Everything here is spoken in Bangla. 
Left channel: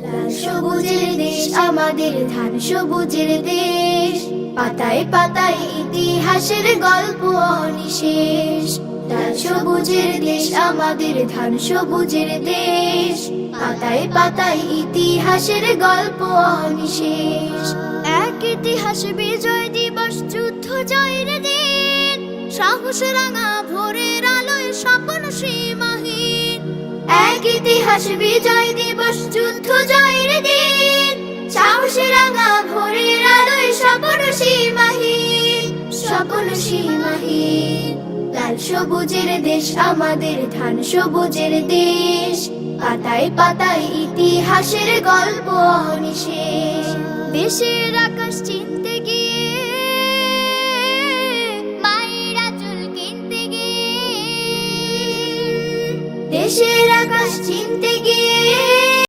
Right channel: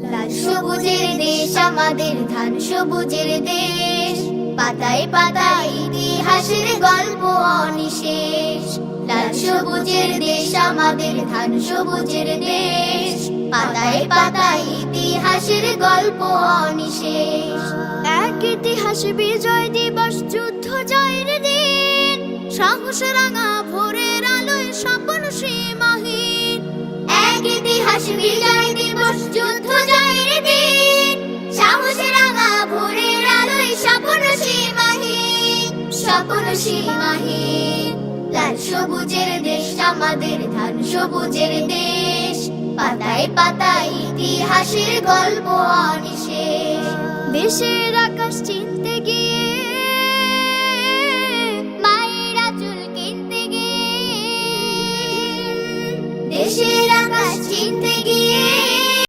লাল সবুজের দেশ আমাদের ধান সবুজের দেশ। পাতায় পাতায় ইতিহাসের গল্প অনিশেষ। লাল সবুজের দেশ আমাদের ধান সবুজের দেশ। পাতায় পাতায় ইতিহাসের গল্প অনিশেষ। এক ইতিহাস বিজয় দিবস যুদ্ধ জয়ের দিন। সাহস রাঙা ভোরের আলোয় স্বপ্ন সীমাহীন। এক ইতিহাস বিজয় দিবস যুদ্ধ সীমাহীন লাল সবুজের দেশ আমাদের ধান সবুজের দেশ। পাতায় পাতায় ইতিহাসের গল্প অনিশেষ। দেশের আকাশ চিনতে গিয়ে, মায়েরা চুল কিনতে গিয়ে। দেশের আকাশ চিনতে গিয়ে